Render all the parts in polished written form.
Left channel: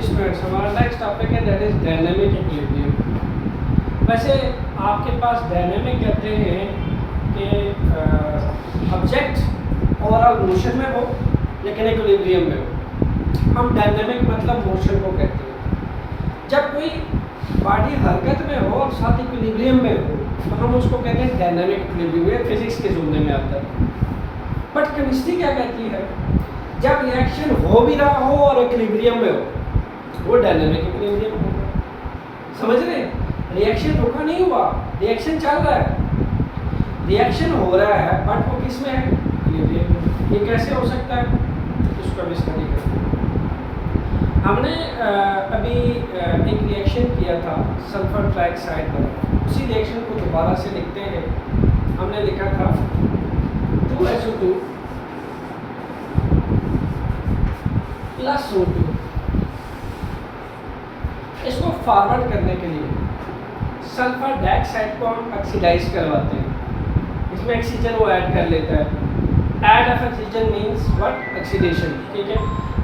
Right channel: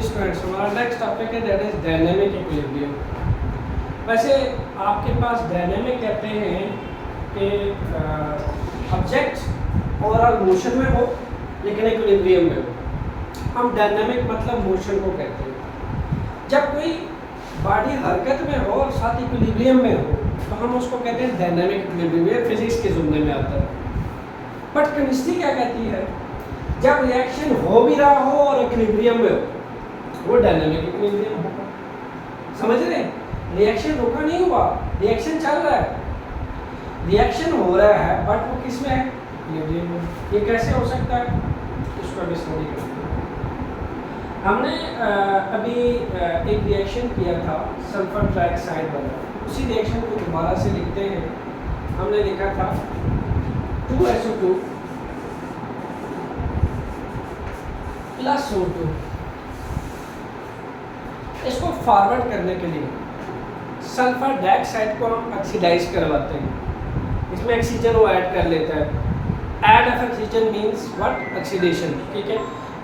जी students, हमारा next topic है that is dynamic equilibrium. वैसे आपके पास डायनेमिक कहते हैं कि ऑब्जेक्ट ओवरऑल मोशन में हो लेकिन इक्विलिब्रियम में हो। हम डायनेमिक मतलब मोशन को कहते हैं। जब कोई बॉडी हरकत में हो और साथ इक्विलिब्रियम में हो तो हम उसको कहते हैं डायनेमिक इक्विलिब्रियम। फिजिक्स के जुमले में आता है। बट केमिस्ट्री क्या कहती है, जब रिएक्शन हो भी रहा हो और इक्विलिब्रियम में हो वो डायनेमिक इक्विलिब्रियम होगा। समझ रहे हैं? रिएक्शन रुका नहीं हुआ, रिएक्शन चल रहा है, रिएक्शन हो रहा है बट वो किस में है? इक्विलिब्रियम में। ये कैसे हो सकता है? इसको अभी स्टडी करते हैं। हमने अभी एक रिएक्शन किया था सल्फर ट्राइऑक्साइड वाला। उसी रिएक्शन को दोबारा से लिखते हैं। हमने लिखा था 2SO2 प्लस O2। इसको फॉरवर्ड करने के लिए सल्फर डाइऑक्साइड को हम ऑक्सीडाइज करवाते हैं। इसमें ऑक्सीजन वो ऐड कर लेता है। Add of oxygen means what? Oxidation. ठीक है,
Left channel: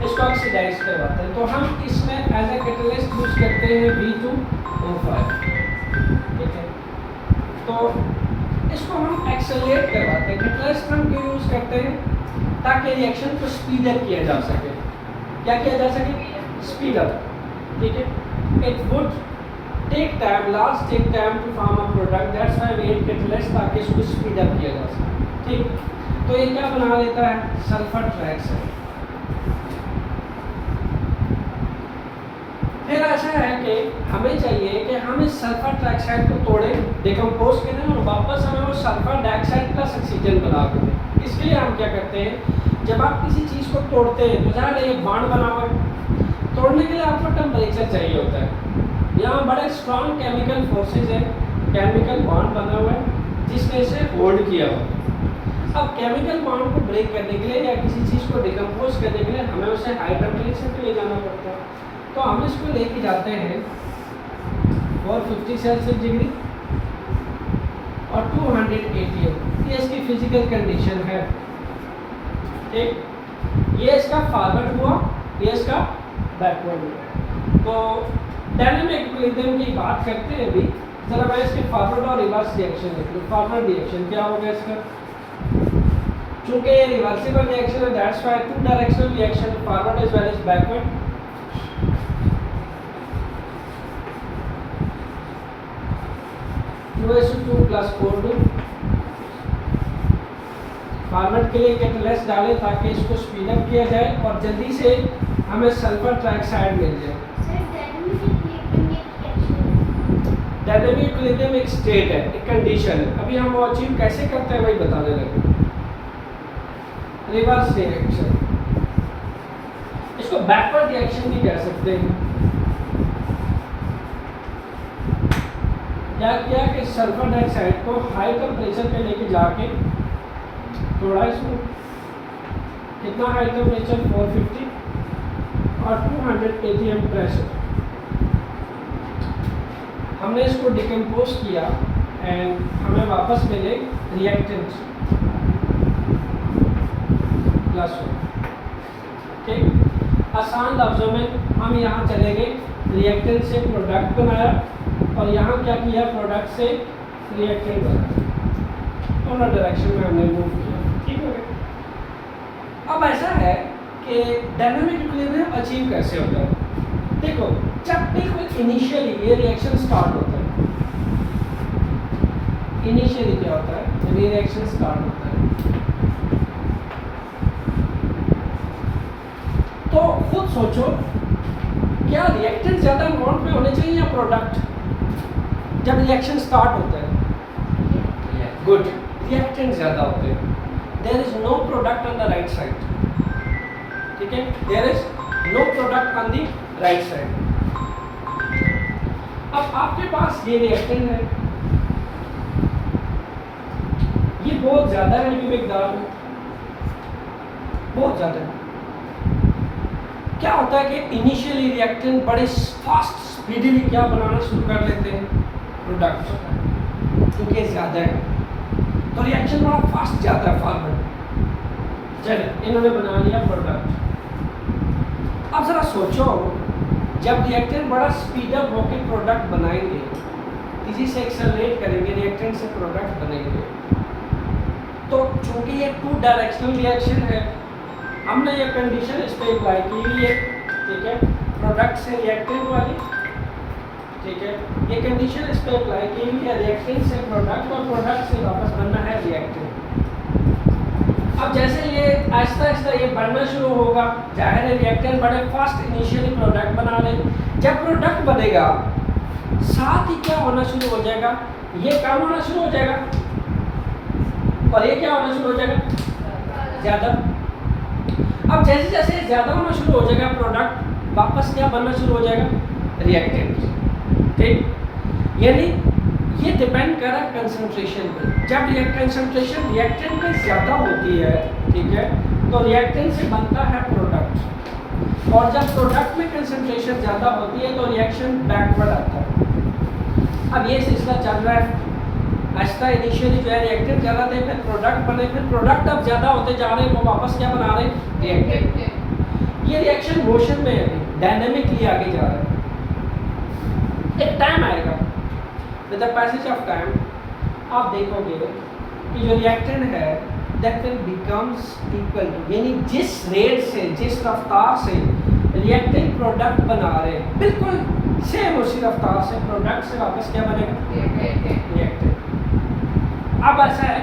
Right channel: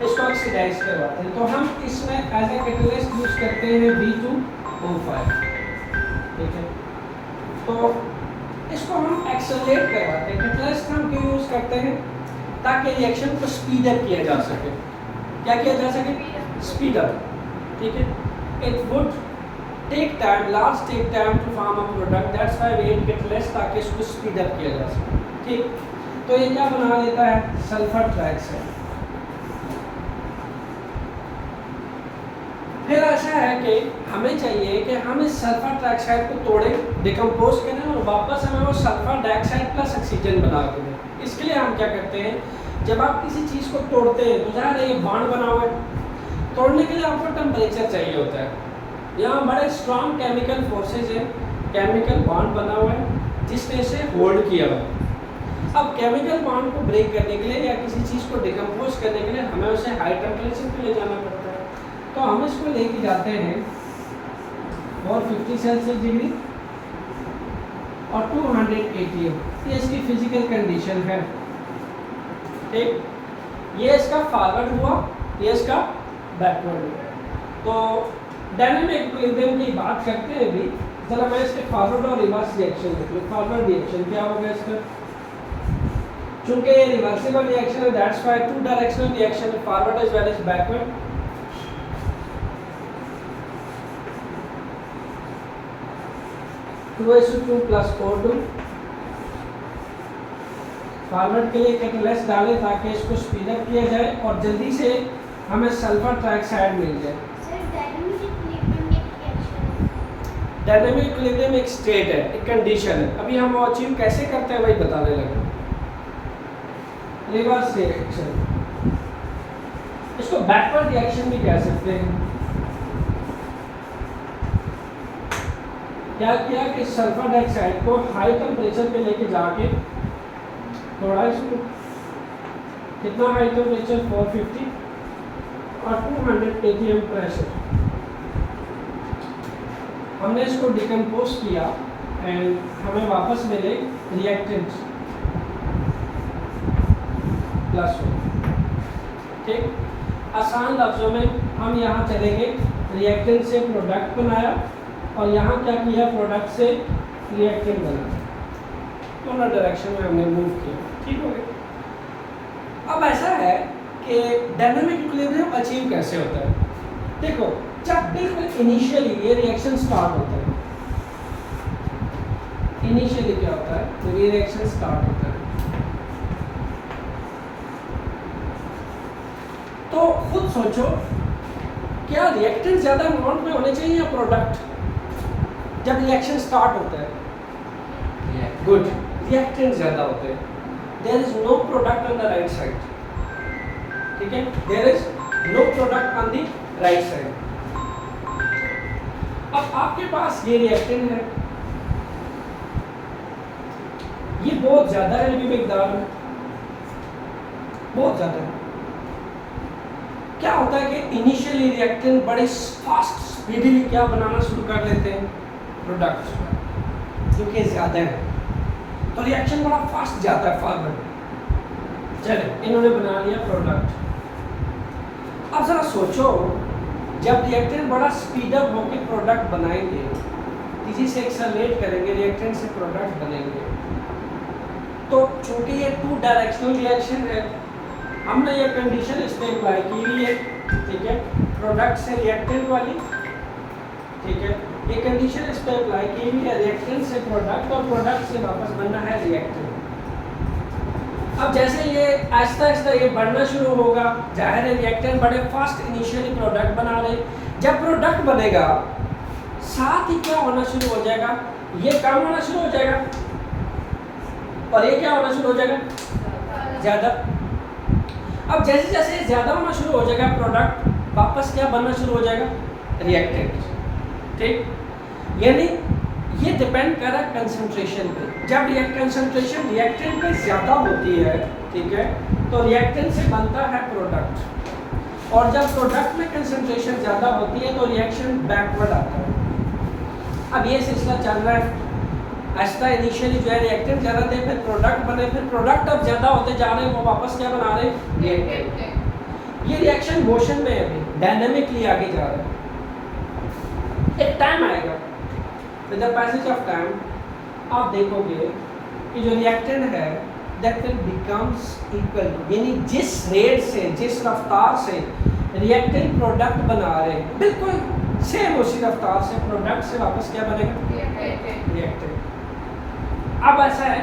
इसको ऑक्सीडाइज करवाते हैं। तो हम इसमें एज ए कैटलिस्ट यूज करते हैं V2O5। ठीक है, तो इसको हम एक्सेलरेट करवाते हैं। कैटलिस्ट हम क्यों यूज करते हैं? ताकि रिएक्शन को स्पीड अप किया जा सके। क्या किया जा सके? Speed up. ठीक है, it would take time, large take time to form a product, that's why we need catalyst ताकि इसको स्पीड अप किया जा सके। ठीक, तो ये क्या बना देता है? Sulphur trioxide. फिर ऐसा है कि हमें चाहिए कि हम इस सल्फर ट्राइऑक्साइड को तोड़ें, डिकम्पोज करें और वापस हमें वो सल्फर डाइऑक्साइड प्लस ऑक्सीजन बना दें। इसके लिए हम क्या करते हैं, जब आप किसी चीज़ को तोड़ते हैं, बुझा रहे हैं बॉन्ड बना हुआ है, तोड़ने के लिए आपको टेम्परेचर चाहिए होता है। यहाँ बड़े स्ट्रॉन्ग केमिकल फोर्सेज हैं, केमिकल बॉन्ड बना हुआ है जिसने इसे होल्ड किया हुआ। अब केमिकल बॉन्ड को ब्रेक करने के लिए या किसी चीज़ को डिकम्पोज करने के लिए हमें उसे हाई टेम्परेचर पे ले जाना पड़ता है। तो हम इसको लेके जाते हैं 450 सेल्सियस डिग्री और 200 ATM। ये इसकी फिजिकल कंडीशन है। ठीक, ये इसका फॉरवर्ड हुआ, ये इसका बैकवर्ड हुआ। तो डायनेमिक इक्विलिब्रियम की बात करते हैं अभी। जरा मैं इसके फॉरवर्ड और रिवर्स रिएक्शन लिख लूँ। फॉरवर्ड रिएक्शन क्या हो गया इसका? चूंकि ये रिवर्सिबल रिएक्शन है, that's why two directional reaction है, forward as well as backward. Two plus 4 forward के लिए कैटलिस्ट डालें ताकि इसको स्पीड अप किया जाए और जल्दी से हमें सल्फर ट्राइऑक्साइड मिल जाए। डायनेमिक इक्विलिब्रियम एक स्टेट है, एक कंडीशन है। अभी हम वो अचीव कैसे करते हैं वही बताने लगे। रिवर्स रिएक्शन, इसको बैकवर्ड रिएक्शन भी कह सकते हैं। क्या किया कि सल्फर डाइऑक्साइड को हाई टेम्परेचर पे लेके जाके थोड़ा इसको, कितना हाई टेम्परेचर? 450 और 200 ATM प्रेशर। हमने इसको डिकम्पोज किया एंड हमें वापस मिले रिएक्टेंट प्लस। ठीक, आसान लफ्जों में हम यहाँ चले गए, रिएक्टेंट से प्रोडक्ट बनाया और यहाँ क्या किया? प्रोडक्ट से रिएक्टेंट बनाया। दोनों डायरेक्शन में हमने मूव किया। ठीक हो गया। अब ऐसा है कि डायनेमिक इक्विलिब्रियम अचीव कैसे होता है? देखो, जब बिल्कुल इनिशियली ये रिएक्शन स्टार्ट होता है, इनिशियली क्या होता है? जब ये रिएक्शन स्टार्ट होता है तो खुद सोचो, क्या रिएक्टेंट ज़्यादा अमाउंट में होने चाहिए या प्रोडक्ट? जब रिएक्शन स्टार्ट होता है, गुड, रिएक्टेंट ज़्यादा होते हैं। There is no product on the right side. ठीक है, there is no product on the right side. अब आपके पास ये रिएक्टेंट है, ये बहुत ज़्यादा है एलबी मिकदार में, बहुत ज़्यादा है। क्या होता है कि इनिशियली रिएक्टेंट बड़े फास्ट स्पीडीली क्या बनाना शुरू कर लेते हैं? प्रोडक्ट, क्योंकि ज़्यादा है तो रिएक्शन बड़ा फास्ट जाता है फॉरवर्ड। चले, इन्होंने बना लिया प्रोडक्ट। अब ज़रा सोचो जब रिएक्टेंट बड़ा स्पीड अप होकर प्रोडक्ट बनाएंगे, किसी से एक्सेलरेट करेंगे, रिएक्टेंट से प्रोडक्ट बनेंगे, तो चूंकि ये 2 डायरेक्शनल रिएक्शन है, हमने ये कंडीशन इस पे अप्लाई की हुई है, ठीक है, प्रोडक्ट से रिएक्टेंट वाली, ठीक है, ये कंडीशन इस पे अप्लाई की हुई है, रिएक्टेंट से प्रोडक्ट और प्रोडक्ट से वापस बनना है रिएक्टेंट। अब जैसे ये आहिस्ता आहिस्ता ये बढ़ना शुरू होगा, जाहिर है रिएक्टेंट बड़े फास्ट इनिशियली प्रोडक्ट बना रहे, जब प्रोडक्ट बनेगा साथ ही क्या होना शुरू हो जाएगा, ये कम होना शुरू हो जाएगा और ये क्या होना शुरू हो जाएगा, ज़्यादा। अब जैसे जैसे ज़्यादा होना शुरू हो जाएगा प्रोडक्ट वापस क्या बनना शुरू हो जाएगा, रिएक्टेंट, ठीक। यानी ये डिपेंड कर रहा है कंसंट्रेशन पे। जब कंसंट्रेशन रिएक्टेंट में ज़्यादा होती है, ठीक है, तो रिएक्टेंट से बनता है प्रोडक्ट, और जब प्रोडक्ट में कंसंट्रेशन ज़्यादा होती है तो रिएक्शन बैकवर्ड आता है। अब ये सिलसिला चल रहा है, आहिस्ता इनिशियली जो है रिएक्टेंट ज़्यादा थे, फिर प्रोडक्ट बने, फिर प्रोडक्ट अब ज़्यादा होते जा रहे हैं, वो वापस क्या बना रहे हैं, रिएक्टेंट। ये रिएक्शन मोशन में है, डायनेमिकली आगे जा रहा है। एक टाइम आएगा, with the passage of time आप देखोगे कि जो रिएक्टेंट है that will becomes equal to, यानी जिस रेट से, जिस रफ्तार से रिएक्टेंट प्रोडक्ट बना रहे हैं, बिल्कुल सेम उसी रफ्तार से प्रोडक्ट से वापस क्या बनेगा, रिएक्टेंट। अब ऐसा है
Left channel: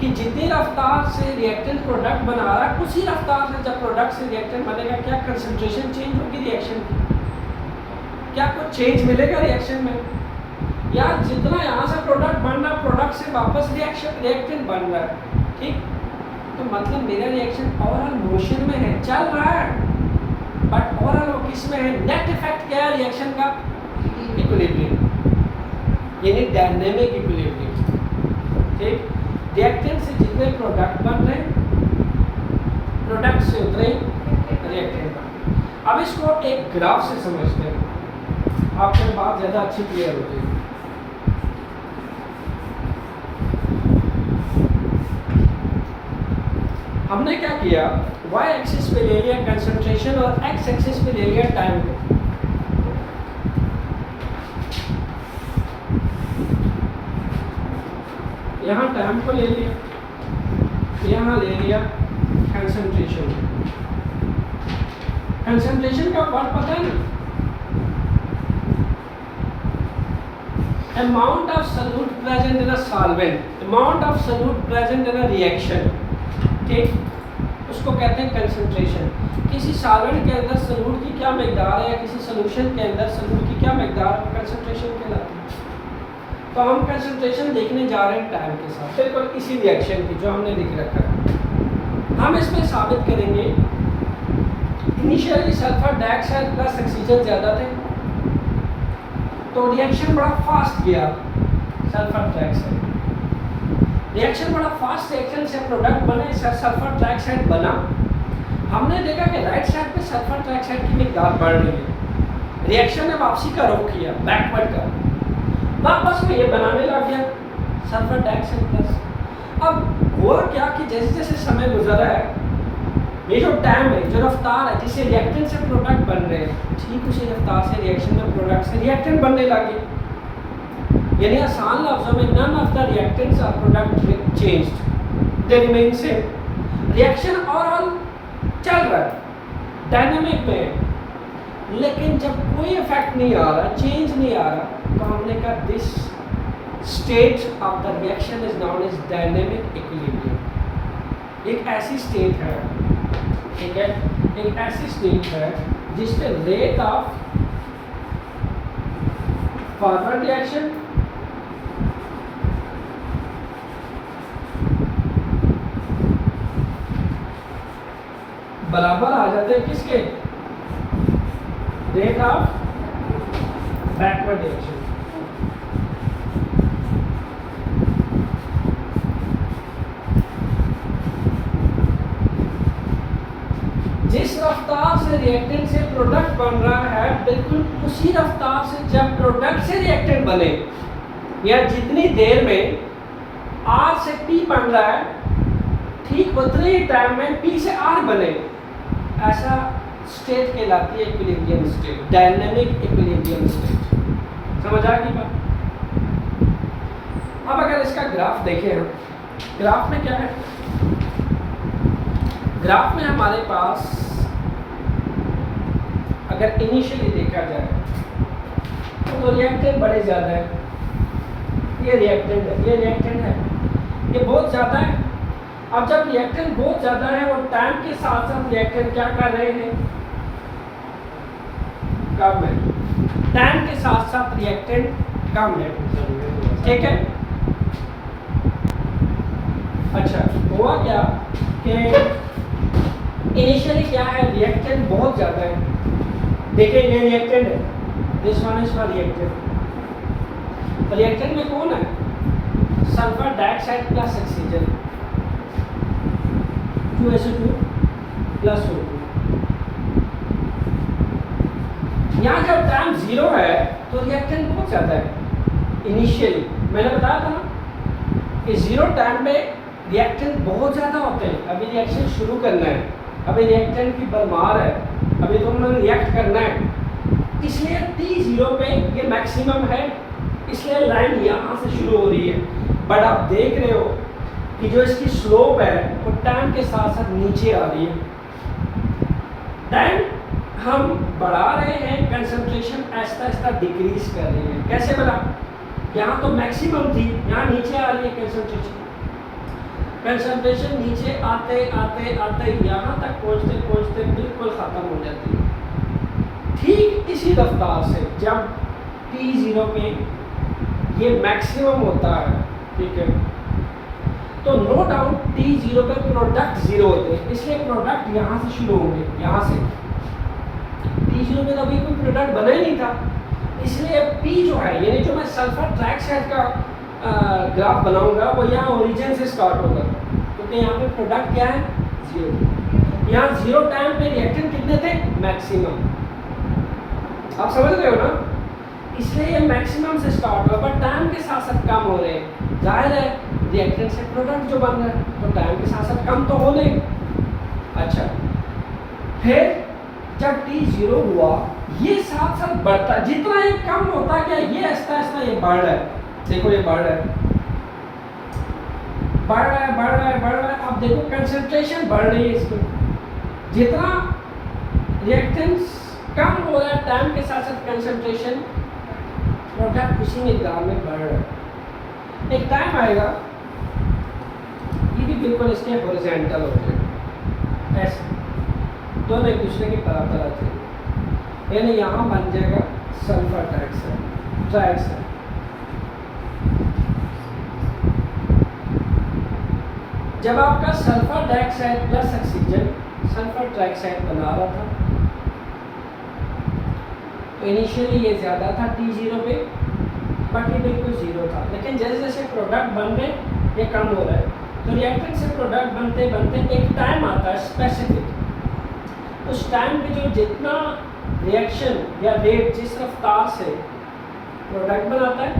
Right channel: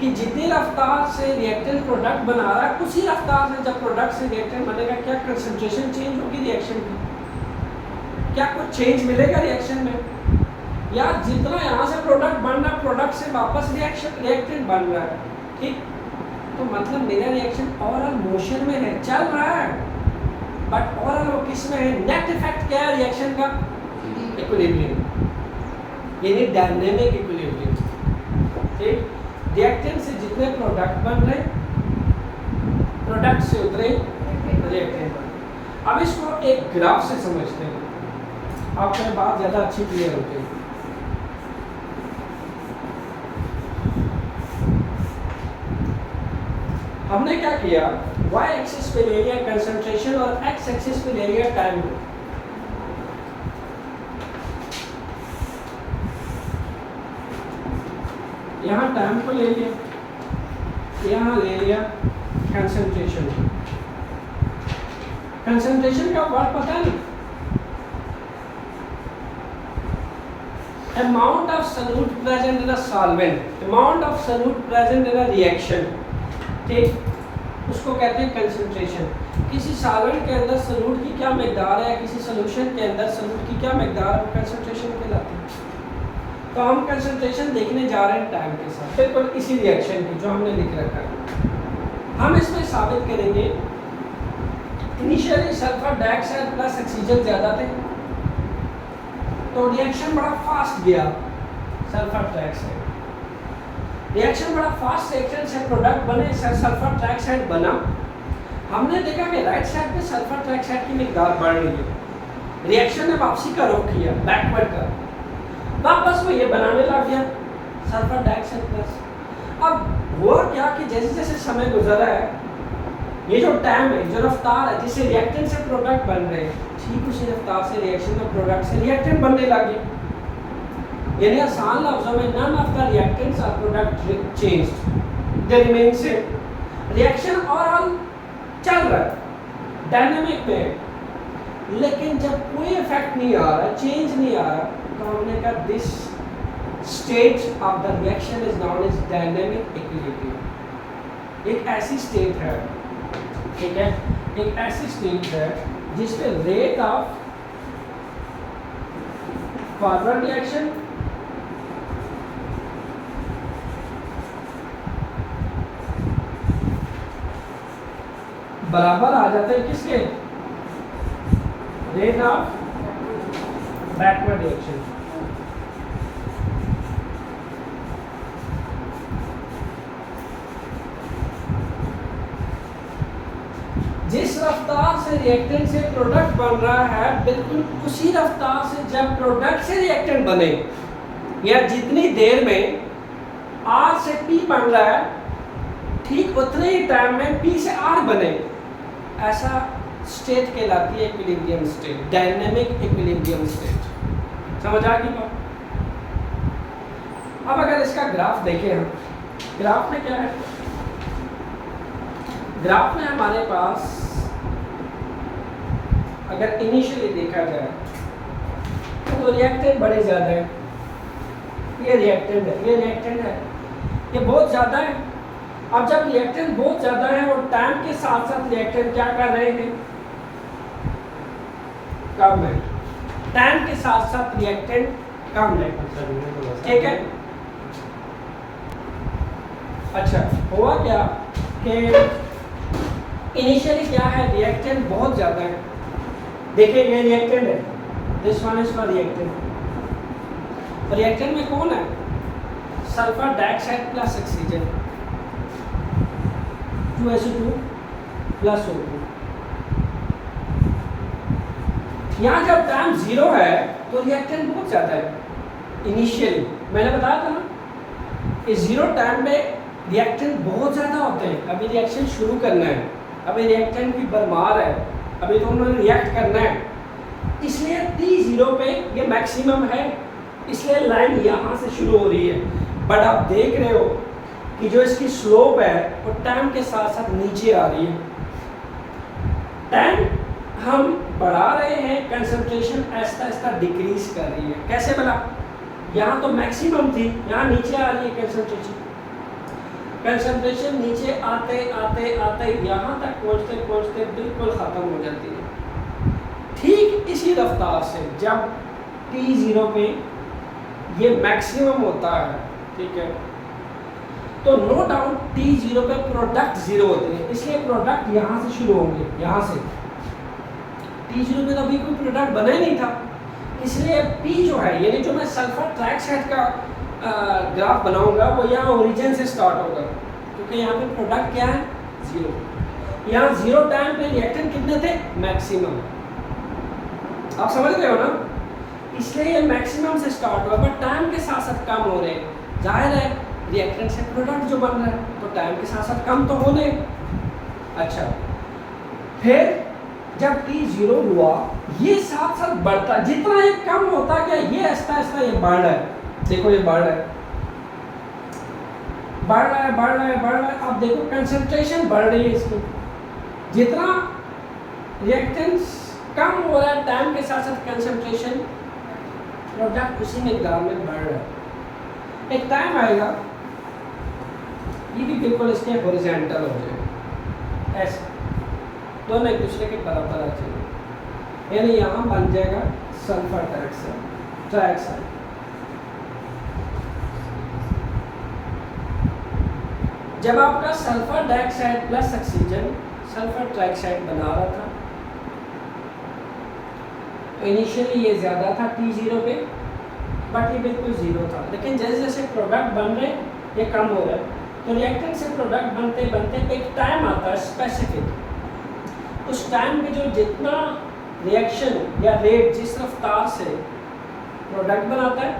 कि जितनी रफ्तार से रिएक्टेंट प्रोडक्ट बना रहा है, उसी रफ्तार से जब प्रोडक्ट से रिएक्टेंट बनेगा, क्या कंसंट्रेशन चेंज होगी रिएक्शन की, क्या कुछ चेंज मिलेगा रिएक्शन में, या जितना यहाँ से प्रोडक्ट बन रहा, प्रोडक्ट से वापस रिएक्टेंट बन रहा है, ठीक। तो मतलब मेरा रिएक्शन ओवरऑल मोशन में है, चल रहा है, बट ओवरऑल वो किस में है, नेट इफेक्ट क्या है रिएक्शन का, इक्विलिब्रियम, यानी डायनेमिक इक्विलिब्रियम, ठीक। रिएक्टेंट से जितने प्रोडक्ट बन रहे, प्रोडक्ट से उतरे रिएक्टेंट बन। अब इसको एक ग्राफ से समझते हैं, आपको बात ज़्यादा अच्छी क्लियर होती है। हमने क्या किया, y एक्सिस पे ले लिया कंसंट्रेशन और x एक्सिस पे ले लिया टाइम को। यहाँ टाइम को ले लिया, यहाँ ले लिया कंसंट्रेशन। कंसंट्रेशन का वर्ड पता है ना, amount of solute present in a solvent, amount of solute present in a reaction, ठीक, उसको कहते हैं कंसंट्रेशन। किसी सॉल्वेंट के अंदर सॉल्यूट की क्या मकदार है, किसी सॉल्यूशन के अंदर सॉल्यूट की क्या मकदार है, कंसंट्रेशन कहलाती है। तो हम कंसंट्रेशन देखने जा रहे हैं टाइम के साथ, बिल्कुल इसी रिएक्शन की जो हमने लिख रखा है। हम इसमें साबित करेंगे initially sulphur dioxide plus oxygen ज़्यादा थे, तो रिएक्शन बड़ा फास्ट गया, सल्फर डाइऑक्साइड रिएक्शन बड़ा फास्ट, रिएक्शन से प्रोडक्ट बने, सल्फर ट्राइऑक्साइड बना। हमने देखा कि राइट साइड पे सल्फर ट्राइऑक्साइड की मकदार बढ़ रही है, रिएक्शन ने वापसी का रुख किया, बैकवर्ड का, वापस में ये बनाने लग गया सल्फर डाइऑक्साइड प्लस। अब हुआ क्या कि जैसे जैसे समय गुजरा है, ये जो टाइम है, जो रफ्तार है जिससे रिएक्टेंट से प्रोडक्ट बन रहे हैं, ठीक उसी रफ्तार से रिएक्शन में प्रोडक्ट से रिएक्टेंट बनने लगे। यानी आसान लफ्ज़ों में none of the reactants or product changed, they remain same. Reaction overall चल रहा है, डायनामिक में है, लेकिन जब कोई इफेक्ट नहीं आ रहा, चेंज नहीं आ रहा, तो हमने कहा this state of the reaction is known as dynamic equilibrium. एक ऐसी स्टेट है, ठीक है, एक ऐसी स्टेट है जिसमें रेट ऑफ फॉरवर्ड रिएक्शन बराबर आ जाते हैं किसके, रेट ऑफ बैकवर्ड रिएक्शन। जिस रफ्तार से रिएक्टेंट से प्रोडक्ट बन रहा है, बिल्कुल उसी रफ्तार से जब प्रोडक्ट से रिएक्टेंट बने, या जितनी देर में R से P बन रहा है, ठीक उतने ही टाइम में P से R बने, ऐसा स्टेट कहलाती है equilibrium state, dynamic equilibrium state. समझ आ गई बात? अब अगर इसका ग्राफ देखें हम, ग्राफ में क्या है, ग्राफ में हमारे पास अगर इनिशियली देखा जाए तो रिएक्टेंट बड़े ज़्यादा है, ये रिएक्टेंट है, ये रिएक्टेंट है, ये बहुत ज़्यादा है। अब जब रिएक्टेंट बहुत ज़्यादा है और टाइम के साथ साथ रिएक्टेंट क्या कर रहे हैं, कम है, टाइम के साथ साथ रिएक्टेंट कम है, ठीक है। अच्छा, हुआ क्या कि इनिशियली क्या है, रिएक्टेंट बहुत ज़्यादा है, देखिए ये रिएक्टेंट है, this one is for reactant. Reactant में कौन है, sulphur dioxide plus oxygen, 2SO2 plus O2। यहाँ जब टाइम 0 है तो रिएक्टेंट बहुत ज़्यादा है इनिशियली, मैंने बताया था ना कि 0 टाइम में रिएक्टेंट बहुत ज़्यादा होते हैं। अभी रिएक्शन शुरू करना है, अभी रिएक्टेंट की भरमार है, अभी तो उन्होंने रिएक्ट करना है, इसलिए T0 पे ये मैक्सिमम है, इसलिए लाइन यहाँ से शुरू हो रही है। बट आप देख रहे हो कि जो इसकी स्लोप है वो टाइम के साथ साथ नीचे आ रही है। टाइम हम बढ़ा रहे हैं, कंसंट्रेशन आहिस्ता आहिस्ता डिक्रीज कर रही है। कैसे बढ़ा, यहाँ तो मैक्सिमम थी, यहाँ नीचे आ रही है कंसंट्रेशन, कंसंट्रेशन नीचे आते आते आते यहाँ तक पहुँचते पहुँचते बिल्कुल ख़त्म हो जाती है। ठीक इसी रफ्तार से जब T0 पे ये मैक्सिमम होता है, ठीक है, तो नो डाउट T0 पे प्रोडक्ट 0 होते हैं, इसलिए प्रोडक्ट यहाँ से शुरू होंगे, यहाँ से। T0 पे तो अभी कोई प्रोडक्ट बना ही नहीं था, इसलिए P जो है, यानी जो मैं सल्फर ट्राइऑक्साइड का ग्राफ बनाऊंगा वो यहाँ ओरिजिन से स्टार्ट होगा, क्योंकि यहाँ पे प्रोडक्ट क्या है, 0। यहाँ 0 टाइम पे रिएक्टेंट कितने थे, मैक्सिमम। आप समझ गए हो ना, इसलिए ये मैक्सिमम से स्टार्ट होगा, बट टाइम के साथ साथ कम हो रहे हैं। जाहिर है रिएक्टेंट से प्रोडक्ट जो बन रहा है तो टाइम के साथ साथ कम तो हो रहे। अच्छा, फिर जब T0 हुआ ये साथ साथ बढ़ता, जितना ये कम होता गया ये आहिस्ता आहिस्ता ये बढ़ रहा है। देखो ये बढ़ रहा है, बढ़ रहा है, बढ़ रहा है, बढ़ रहा है। अब देखो कंसंट्रेशन बढ़ रही है इसकी, जितना रिएक्टेंस कम हो रहा है टाइम के साथ साथ कंसंट्रेशन, प्रोडक्ट उसी मिकदार में बढ़ रहा है। एक टाइम आएगा ये भी बिल्कुल इसके हॉरिजॉन्टल हो जाएगा, ऐसे दोनों एक दूसरे के बराबर आ जाएंगे, यानी यहाँ बन जाएगा सल्फर ट्राइऑक्साइड। जब आपका sulphur dioxide plus oxygen sulphur trioxide बना रहा था तो इनिशियली ये ज़्यादा था T0 पे, बट ये बिल्कुल 0 था। लेकिन जैसे जैसे प्रोडक्ट बन रहे ये कम हो रहा है, तो रिएक्टेंट से प्रोडक्ट बनते बनते एक टाइम आता है स्पेसिफिक, उस टाइम पे जो जितना रिएक्शन या रेट जिस रफ्तार से प्रोडक्ट बनाता है,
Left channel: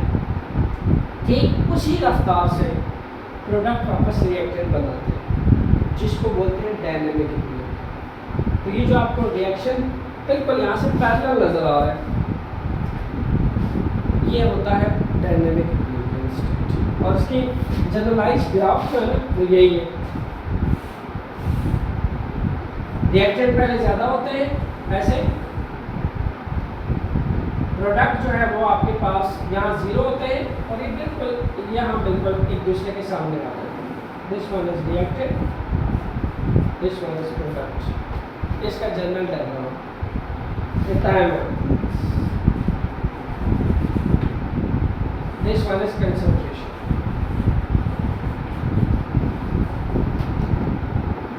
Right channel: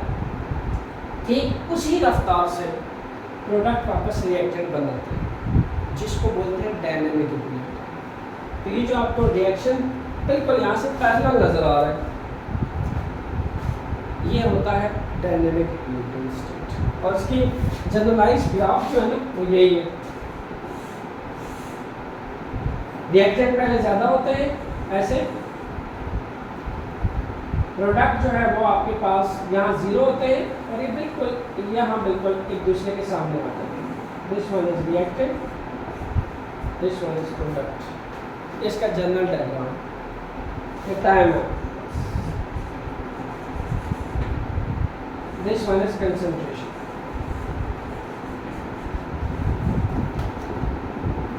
ठीक उसी रफ्तार से प्रोडक्ट वापस रिएक्टेंट बनाते हैं, जिसको बोलते हैं डायनेमिक इक्विलिब्रियम। तो ये जो आपको रिएक्शन बिल्कुल यहाँ से पैरेलल नज़र आ रहा है, ये होता है डायनेमिक इक्विलिब्रियम स्टेट, और इसकी जनरलाइज ग्राफ जो है ना वो यही है। रिएक्टेंट पहले ज़्यादा होते हैं, ऐसे प्रोडक्ट जो है वो आपके पास यहाँ 0 होते हैं, और ये बिल्कुल यहाँ बिल्कुल एक दूसरे के सामने आते हैं। This one is reactant, this one is product. इसका जनरल डायग्राम ये टाइम है, दिस वन इज कंसंट्रेशन।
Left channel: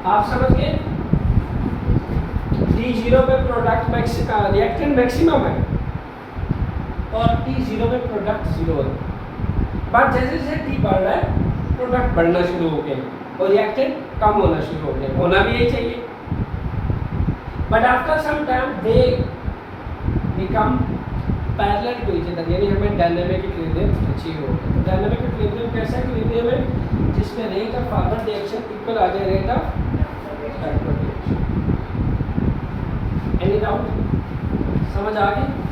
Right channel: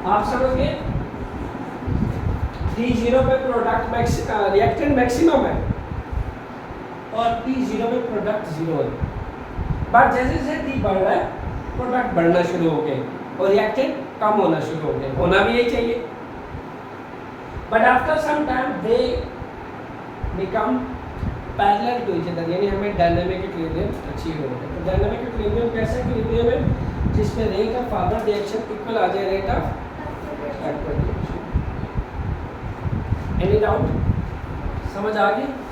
आप समझ गए, T0 पे प्रोडक्ट रिएक्टेंट मैक्सिमम है और T0 पे प्रोडक्ट 0 है, बट जैसे जैसे T बढ़ रहा है प्रोडक्ट बढ़ना शुरू हो गए और रिएक्टेंट कम होना शुरू हो गए। होना भी यही चाहिए, but after some time they become parallel to each other, यानी हमें डायनामिक इक्विलिब्रियम अचीव हो गया। तो डायनामिक इक्विलिब्रियम कैसा इक्विलिब्रियम है, जिसमें rate of forward reaction equal आ जाए rate of backward reaction. Any doubt? समझ आ गई?